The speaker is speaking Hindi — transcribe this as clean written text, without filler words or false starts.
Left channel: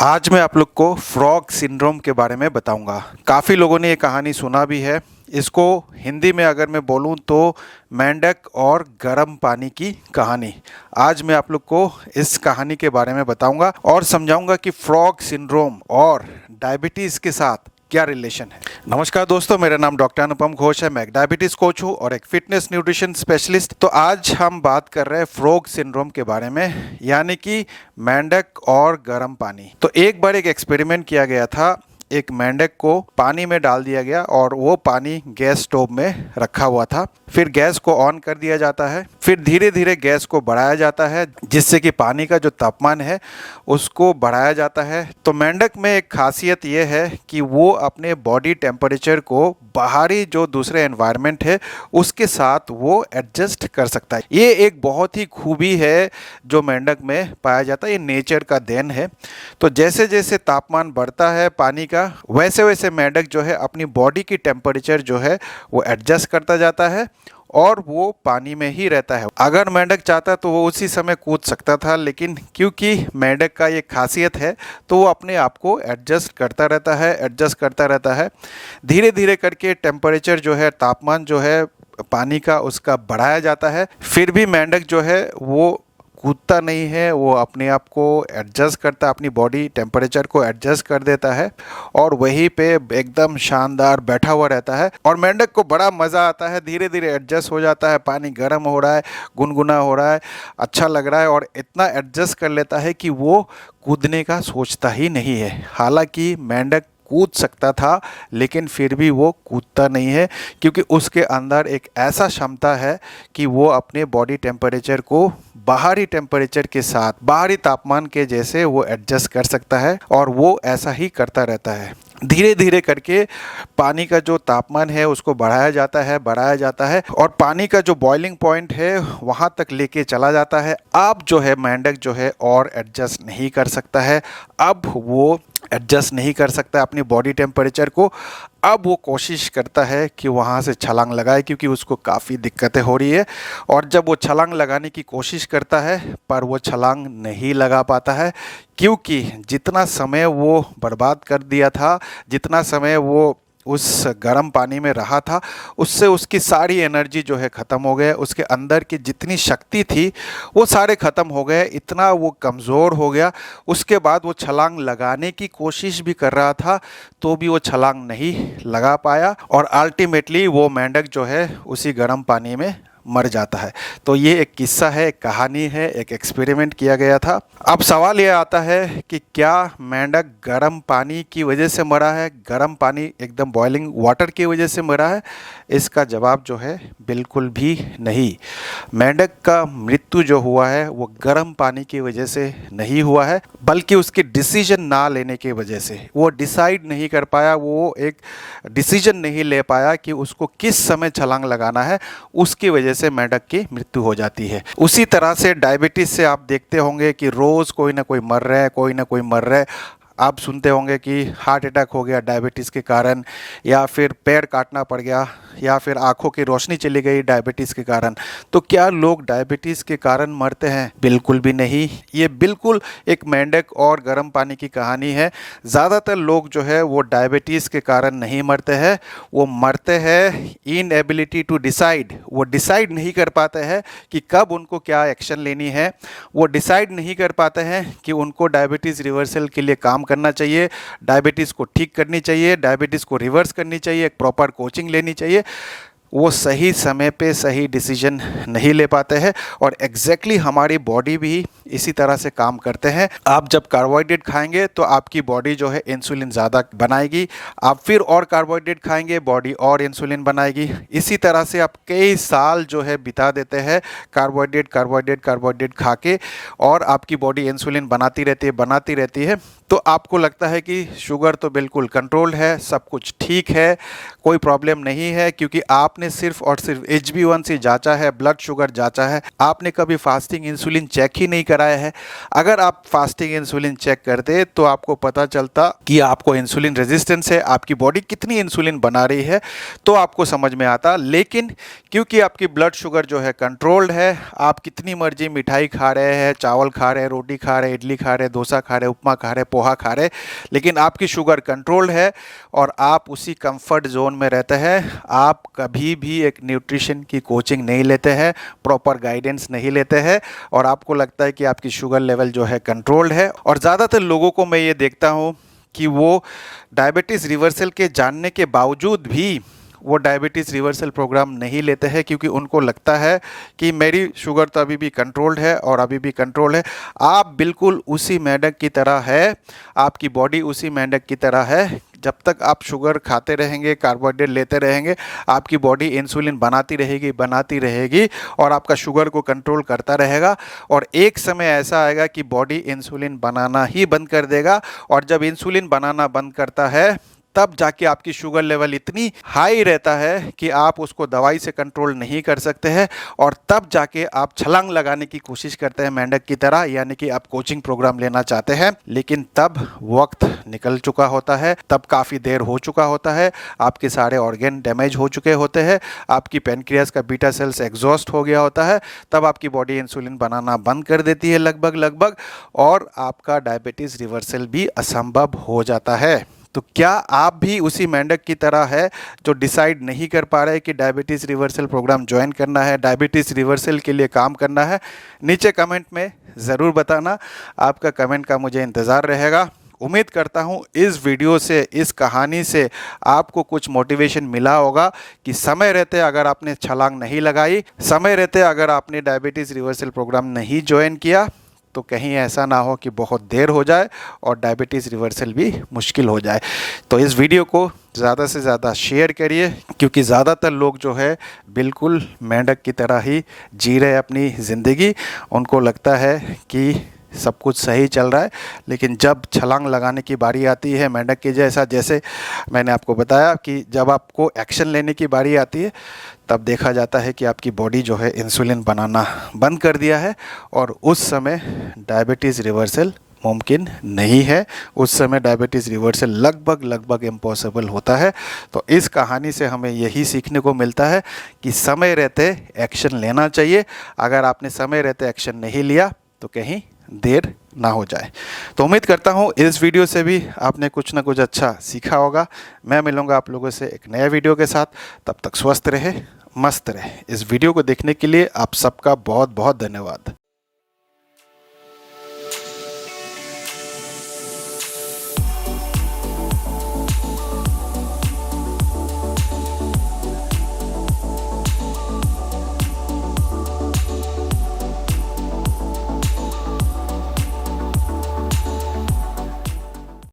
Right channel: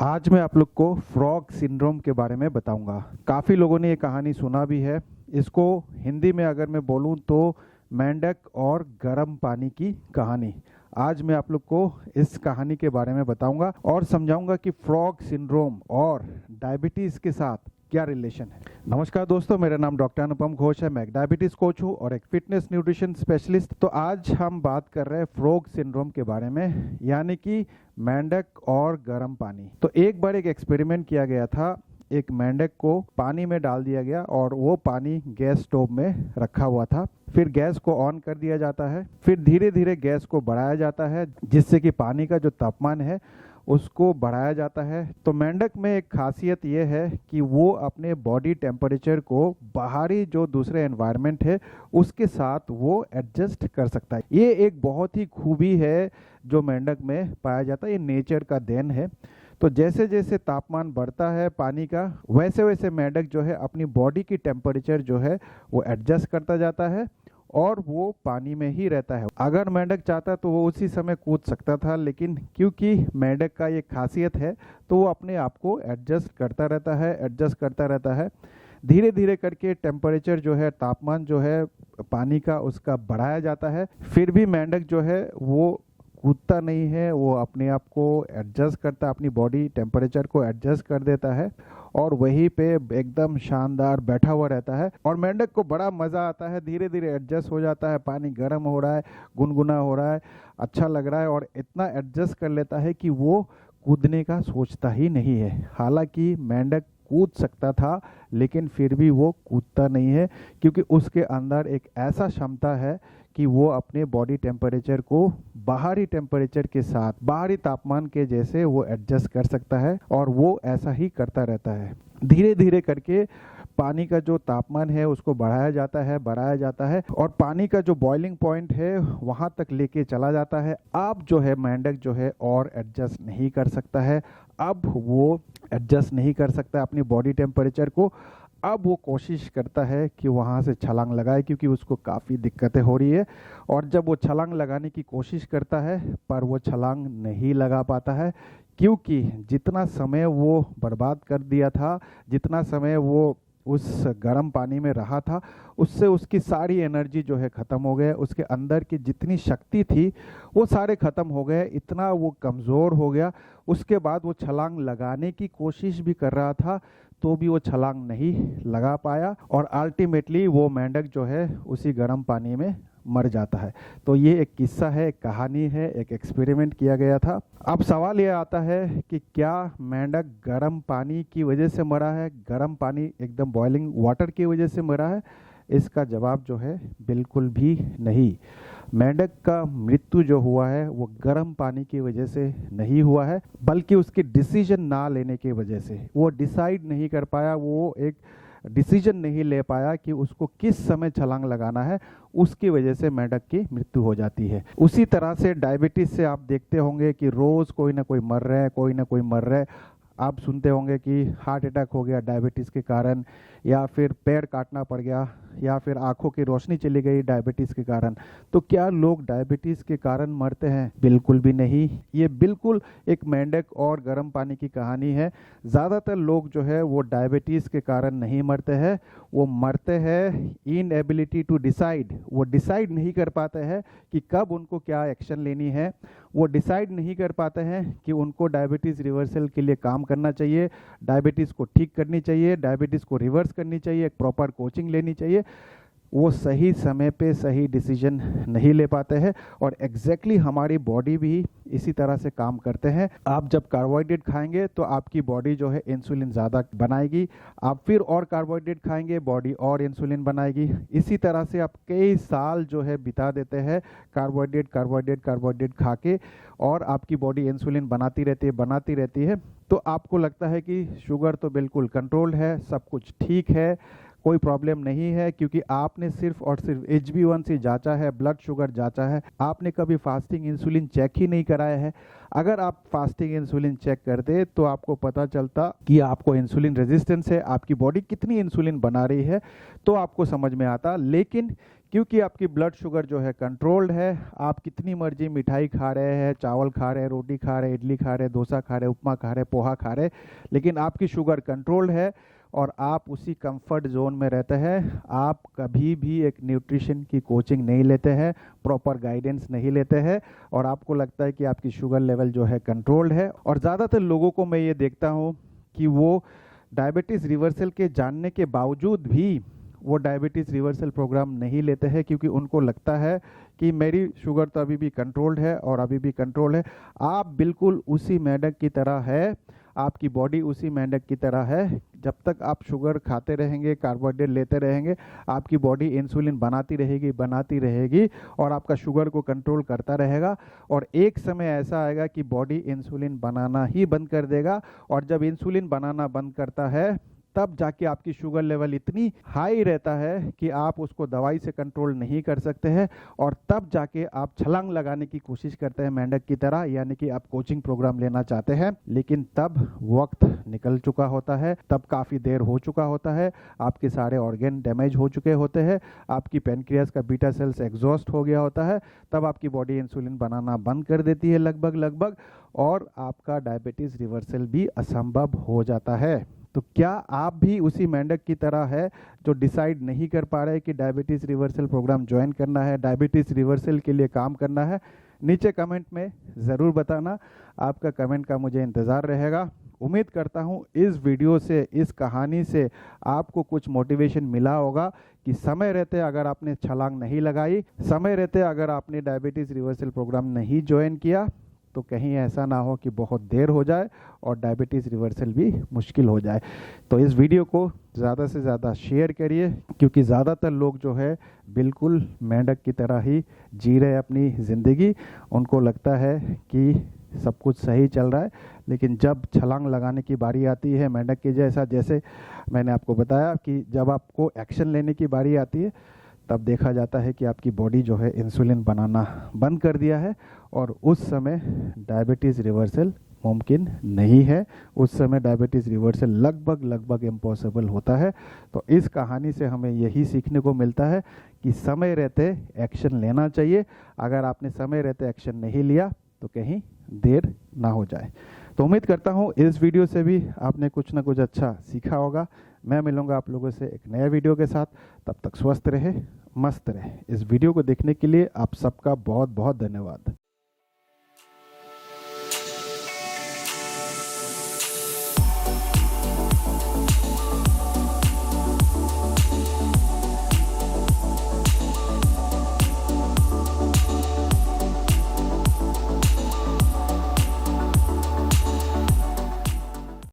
आज मैं आप लोग को फ्रॉग सिंड्रोम के बारे में बताऊंगा। काफ़ी लोगों ने ये कहानी सुना भी है। इसको हिंदी में अगर मैं बोलूं तो मेंढक और गर्म पानी की कहानी। आज मैं आप लोग को इस कहानी के बारे में बताऊंगा और समझाऊंगा कि फ्रॉग सिंड्रोम और डायबिटीज़ के साथ क्या रिलेशन है। नमस्कार दोस्तों, मेरा नाम डॉक्टर अनुपम घोष है। मैं एक डायबिटीज़ कोच हूँ और एक फिटनेस न्यूट्रिशन स्पेशलिस्ट। तो आज हम बात कर रहे हैं फ्रॉग सिंड्रोम के बारे में, यानी कि मेंढक और गर्म पानी। तो एक बार एक एक्सपेरिमेंट किया गया था। एक मेंढक को पानी में डाल दिया गया और वो पानी गैस स्टोव में रखा हुआ था। फिर गैस को ऑन कर दिया जाता है। फिर धीरे धीरे गैस को बढ़ाया जाता है, जिससे कि पानी का जो तापमान है उसको बढ़ाया जाता है। तो मेंढक में एक खासियत ये है कि वो अपने बॉडी टेम्परेचर को बाहरी जो दूसरे एनवायरनमेंट है उसके साथ वो एडजस्ट कर सकता है। ये एक बहुत ही खूबी है जो मेंढक में पाया जाता है। ये नेचर का देन है। तो जैसे जैसे तापमान बढ़ता है पानी का, वैसे वैसे मेंढक जो है अपनी बॉडी की टेम्परेचर जो है वो एडजस्ट करता जाता है और वो पानी में ही रहता है। अगर मेंढक चाहता तो वो उसी समय कूद सकता था, लेकिन क्योंकि मेंढक का ये खासियत है तो वो अपने आप को एडजस्ट करता रहता है। धीरे धीरे करके टेम्परेचर जो है, तापमान जो है पानी का, उसका बढ़ाया जाता है। फिर भी मेंढक जो है वो कूदता नहीं है, वो अपने आप को एडजस्ट करता, अपनी बॉडी टेम्परेचर को एडजस्ट कर देता है और वहीं पे एकदम शानदार बैठा हुआ रहता है। और मेंढक को बड़ा मज़ा आता है, धीरे धीरे एडजस्ट हो जाता है। पानी गर्म हो रहा है, गुनगुना हो रहा है, अच्छा लग रहा है और इतना एडजस्ट कर लेता है कि वो कूदने का सोचता ही नहीं है। हालांकि मेंढक कूद सकता था, लेकिन फिर भी वो कूदता नहीं है, क्योंकि उसके अंदर एक ऐसा क्षमता है कि वो अपने बॉडी टेम्परेचर को बाहरी टेम्परेचर के साथ, बाहरी तापमान के जैसे वो एडजस्ट कर सकता है और वो ऐसा ही करता रहता है। धीरे धीरे करके पानी का जो तापमान है उसको बढ़ाया जाता है और पानी का जो बॉइलिंग पॉइंट है वहाँ तक लेके चला जाता है। अब जो है मेंढक जो है और एडजस्ट नहीं कर सकता है। अब वो एडजस्ट नहीं कर सकता अपनी बॉडी टेम्परेचर को। अब वो कोशिश करता है कि वहाँ से छलांग लगाए, क्योंकि उसको काफ़ी दिक्कतें हो रही है। और जब वो छलांग लगाने की कोशिश करता है पर वो छलांग नहीं लगा पाता है, क्योंकि जितना समय वो बर्बाद कर दिया था, जितना समय वो उस गर्म पानी में रहा था, उससे उसकी सारी एनर्जी जो है ख़त्म हो गया। उसके अंदर की जितनी शक्ति थी वो सारे ख़त्म हो गए, इतना वो कमज़ोर हो गया। उसके बाद वो छलांग लगाने की कोशिश भी कर रहा था तो भी वो छलांग नहीं लगा पाया और अल्टीमेटली वो मेंढक जो है उसी गर्म पानी में मर जाता है। तो ये एक किस्सा है, एक कहानी है, एक एक्सपेरिमेंट किया गया था। अब सवाल ये आता है कि क्या मेंढक गर्म पानी की वजह से मरा है, गर्म पानी एकदम बॉइलिंग वाटर की वजह से मरा है? इसका जवाब जो है बिल्कुल भी नहीं। मेंढक का मृत्यु जो हुआ है वो गर्म पानी की वजह से नहीं हुआ है, बल्कि उसके डिसीजन ना लेने की वजह से। वो डिसाइड नहीं कर पाया, वो एक डिसीजन नहीं ले पाया कि उसको किस समय छलांग लगाना है, उसकी वजह से मेंढक की मृत्यु हो जाती है। उसी तरह से डायबिटीज़ से आप देखते होंगे कि रोज़ कोई ना कोई मर रहा है, कोई ना कोई मर रहा है। आप सुनते होंगे कि हार्ट अटैक हो गया डायबिटीज़ के कारण, या फिर पैर काटना पड़ गया, या फिर आंखों की रोशनी चली गई डायबिटीज़ के कारण। तो क्या लोग डायबिटीज़ के कारण मरते हैं? बिल्कुल भी नहीं। ये बिल्कुल एक मेंढक और गर्म पानी की कहानी है। ज़्यादातर लोग जो है वो डायबिटीज़ के कारण नहीं मरते हैं, वो मरते हैं इनएबिलिटी टू डिसाइड। वो डिसाइड नहीं कर पाते हैं कि कब उनको क्या एक्शन लेनी है। वो डिसाइड नहीं कर पाते हैं कि उनको डायबिटीज़ रिवर्सल के लिए काम करना चाहिए, डायबिटीज़ को ठीक करनी चाहिए, डायबिटीज़ को रिवर्स करनी चाहिए, एक प्रॉपर कोचिंग लेनी चाहिए। वो सही समय पे सही डिसीजन नहीं ले पाते हैं और एग्जैक्टली हमारी बॉडी भी इसी तरह से काम करते हैं। आप जब कार्बोहाइड्रेट खाएंगे तो आपकी बॉडी जो है इंसुलिन ज़्यादा बनाएगी, आप फिर और कार्बोहाइड्रेट खाएंगे, बॉडी और इंसुलिन बनाएगी। इसी तरह से आप कई साल जो है बिता देते हैं कार्बोहाइड्रेट खा के, और आपकी बॉडी इंसुलिन बनाती रहती है। तो आपको लगता है कि शुगर तो बिल्कुल कंट्रोल्ड है, सब कुछ ठीक है, कोई प्रॉब्लम नहीं है, क्योंकि आपने सिर्फ और सिर्फ HbA1c जांचा है, ब्लड शुगर जांचा है। आपने कभी फास्टिंग इंसुलिन चेक ही नहीं कराया है। अगर आप फास्टिंग इंसुलिन चेक करते तो आपको पता चलता कि आपको इंसुलिन रेजिस्टेंस है, आपकी बॉडी कितनी इंसुलिन बना रही है, तो आपको समझ में आता। लेकिन क्योंकि आपकी ब्लड शुगर जो है कंट्रोल्ड है, आप कितनी मर्जी मिठाई खा रहे हैं, चावल खा रहे हैं, रोटी खा रहे हैं, इडली खा रहे हैं, डोसा खा रहे हैं, उपमा खा रहे हैं, पोहा खा रहे, लेकिन आपकी शुगर कंट्रोल्ड है और आप उसी कंफर्ट जोन में रहते हैं। आप कभी भी एक न्यूट्रिशन की कोचिंग नहीं लेते हैं, प्रॉपर गाइडेंस नहीं लेते हैं और आपको लगता है कि आपकी शुगर लेवल जो है कंट्रोल्ड है। और ज़्यादातर लोगों को मैं ये देखता हूँ कि वो डायबिटीज़ रिवर्सल के जानने के बावजूद भी वो डायबिटीज़ रिवर्सल प्रोग्राम नहीं लेते हैं, क्योंकि उनको लगता है कि मेरी शुगर तो अभी भी कंट्रोल्ड है और अभी भी कंट्रोल है। आप बिल्कुल उसी मेंढक की तरह है, आपकी बॉडी उसी मेंढक की तरह है। जब तक आप शुगर खाते रहेंगे, कार्बोहाइड्रेट लेते रहेंगे, आपकी बॉडी इंसुलिन बनाती रहेगी और आपका शुगर को कंट्रोल करता रहेगा। और एक समय ऐसा आएगा कि बॉडी इंसुलिन बनाना ही बंद कर देगा, और जब इंसुलिन बनाना बंद करता है तब जाके आपकी शुगर लेवल इतनी हाई रहता है कि आप उसको दवाई से कंट्रोल नहीं कर सकते हैं, और तब जाके आप छलांग लगाने की कोशिश करते हैं मेंढक की तरह, यानी कि आप कोचिंग प्रोग्राम लेना चाहते हैं, लेकिन तब वक्त निकल चुका होता है, तब काफ़ी देर हो चुका होता है, आपके सारे ऑर्गन डैमेज हो चुके होते हैं, आपकी पैनक्रियास का बीटा सेल्स एग्जॉस्ट हो गया होता है, तब आपकी बॉडी इंसुलिन बनाना बंद कर देती है लगभग, और आपका डायबिटीज़ रिवर्सल भी असंभव हो जाता है। तो क्या आप भी उसी मेंढक की तरह है जो डिसाइड नहीं कर पा रहे कि डायबिटीज़ रिवर्सल प्रोग्राम ज्वाइन करना है, डायबिटीज़ रिवर्सल के लिए काम करना है? नीचे कमेंट में ज़रूर बताना, आपका कमेंट का मुझे इंतज़ार रहेगा। उम्मीद करता हूँ इस वीडियो से, इस कहानी से आपको कुछ मोटिवेशन मिला होगा कि समय रहते अगर आपने छलांग नहीं लगाई, समय रहते अगर आपने डायबिटीज़ रिवर्सल प्रोग्राम नहीं ज्वाइन किया, तो कहीं ऐसा ना हो कि बहुत देर हो जाए और डायबिटीज़ रिवर्सल भी मुश्किल हो जाए। तो इस वीडियो को ज़्यादा से ज़्यादा शेयर करिए, क्योंकि ज़्यादातर लोग जो है बिल्कुल मेंढक की तरह ही जी रहे अपनी ज़िंदगी। उनको लगता है कि सब कुछ सही चल रहा है, लेकिन जब छलांग लगाने की बारी आती है मेंढक के जैसा, जैसे मैंने आपको बताया कि जब आपको एक्शन लेने की बारी आती है, तब देखा जाता है कि आपकी बॉडी जो है इंसुलिन बनाना बंद कर दिया है, और उस समय डायबिटीज़ रिवर्सल मुमकिन नहीं है। उस समय डायबिटीज़ रिवर्सल लगभग इम्पॉसिबल होता है। तो इस कहानी से हमें यही सीखने को मिलता है कि समय रहते एक्शन लेना चाहिए। अगर आपने समय रहते एक्शन नहीं लिया तो कहीं देर ना हो जाए। तो उम्मीद करता हूँ इस वीडियो से भी आपने कुछ ना कुछ अच्छा सीखा होगा। मैं मिलूँगा आप लोगों से एक नया वीडियो के साथ। तब तक स्वस्थ रहे, मस्त रहे। इस वीडियो को देखने के लिए आप सबका बहुत बहुत धन्यवाद।